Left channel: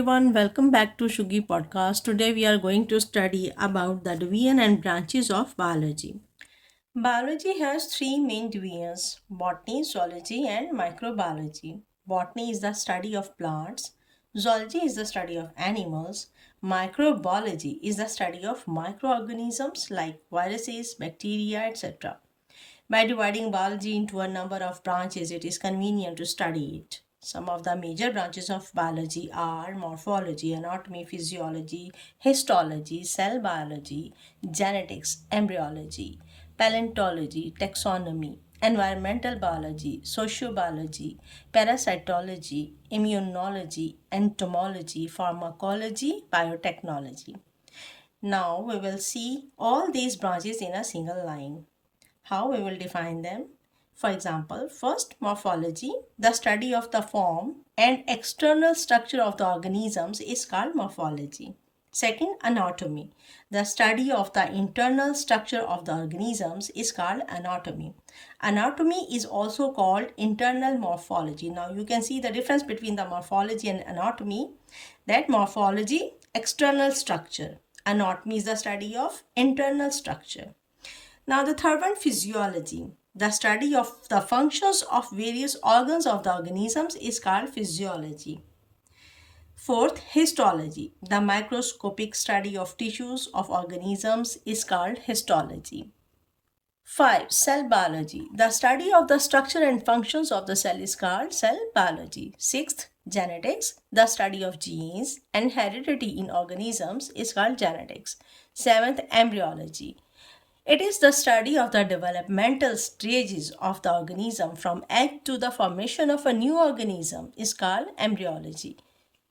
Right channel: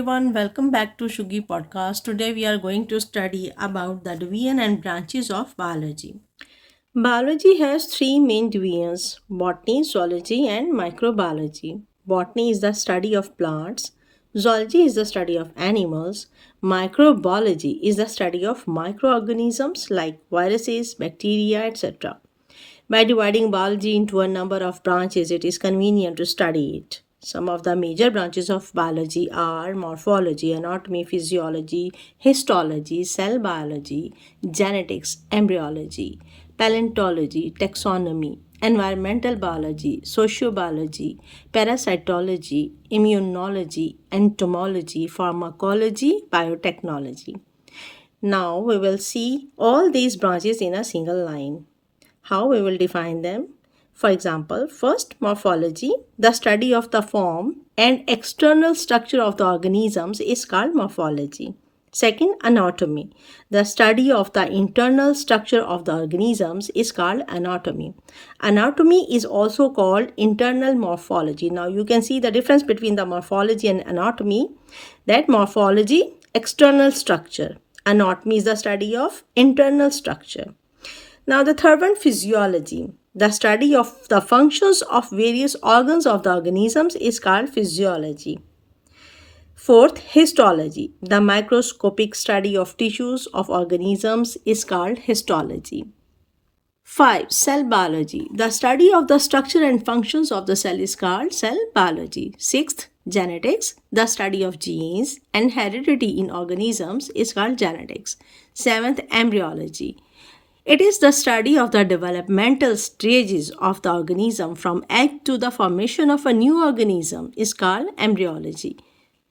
everyone, welcome back to Shugi podcast. Today we are going to study about the division and branches of biology. Biology has three main divisions: botany, zoology, and microbiology. Botany is the study of plants, zoology is the study of animals, microbiology is the study of microorganisms like viruses, bacteria, etc. By dividing biology into a number of branches, it is convenient to study it. Some of the major branches of biology are morphology, anatomy, physiology, histology, cell biology, genetics, embryology, paleontology, taxonomy, environmental biology, sociobiology, parasitology, immunology, entomology, pharmacology, biotechnology. Now we will see all these branches in a single line. How we will define them? For example, first, morphology, the study of the form and external structure of the organisms is called morphology. Second, anatomy, the study of the internal structure of the organisms is called anatomy. Anatomy is also called internal morphology. Now you can see the difference between the morphology and anatomy. That morphology, external structure. Anatomy is the study of internal structure. Now, the third one, physiology. The study of the functions of various organs of the organisms is called physiology. Fourth, histology. The microscopic study of tissues of organisms is called histology. 5. Cell biology. The study of the structure and functions of the cell is called cell biology. 6th, genetics. The study of genes and heredity in organisms is called genetics. 7th, embryology. It is the study of the developmental stages of the organism from egg to the formation of a new organism is called embryology.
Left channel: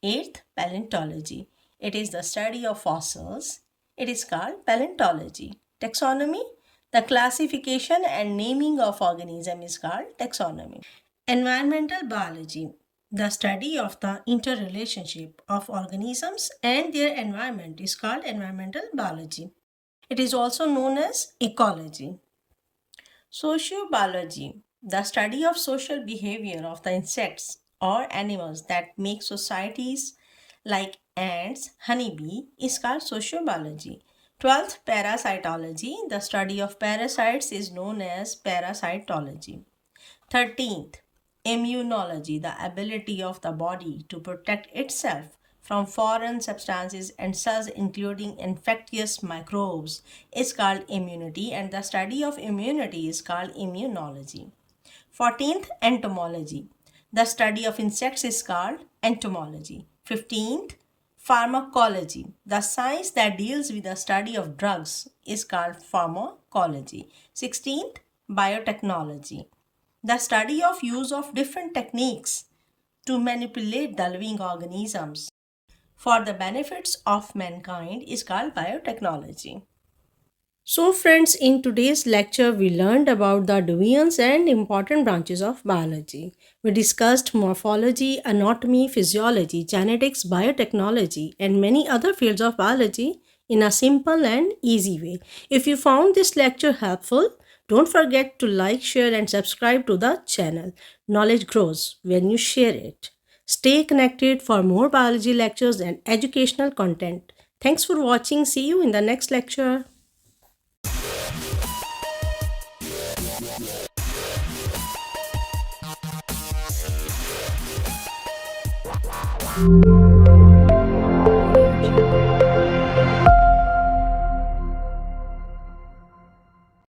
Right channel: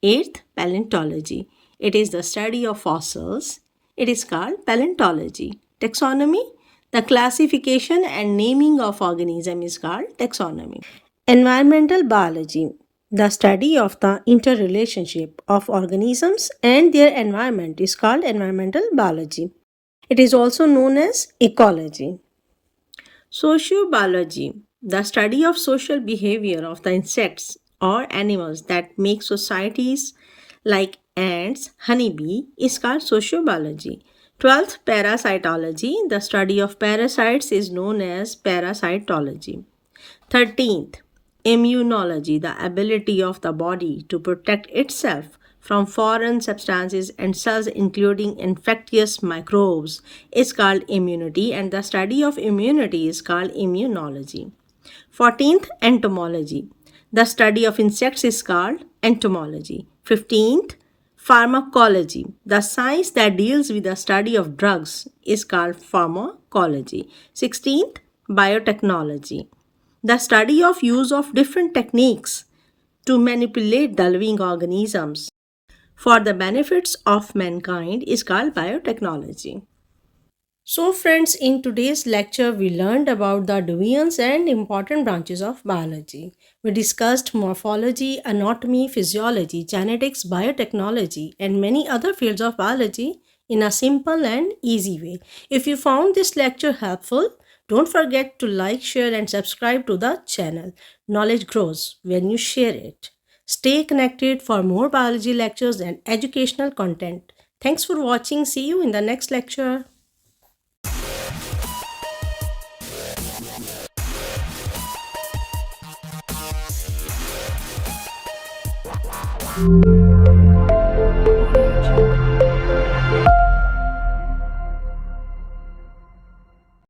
8th, paleontology. It is the study of fossils. It is called paleontology. Taxonomy. The classification and naming of organism is called taxonomy. Environmental biology. The study of the interrelationship of organisms and their environment is called environmental biology. It is also known as ecology. Sociobiology, the study of social behavior of the insects or animals that make societies like ants, honeybee, is called sociobiology. 12th, parasitology, the study of parasites is known as parasitology. 13th, immunology, the ability of the body to protect itself from foreign substances and cells including infectious microbes is called immunity, and the study of immunity is called immunology. 14th, entomology. The study of insects is called entomology. 15th, pharmacology. The science that deals with the study of drugs is called pharmacology. 16th, biotechnology. The study of use of different techniques to manipulate the living organisms for the benefits of mankind is called biotechnology. So friends, in today's lecture, we learned about the divisions and important branches of biology. We discussed morphology, anatomy, physiology, genetics, biotechnology, and many other fields of biology in a simple and easy way. If you found this lecture helpful, don't forget to like, share, and subscribe to the channel. Knowledge grows when you share it. Stay connected for more biology lectures and educational content. Thanks for watching. See you in the next lecture.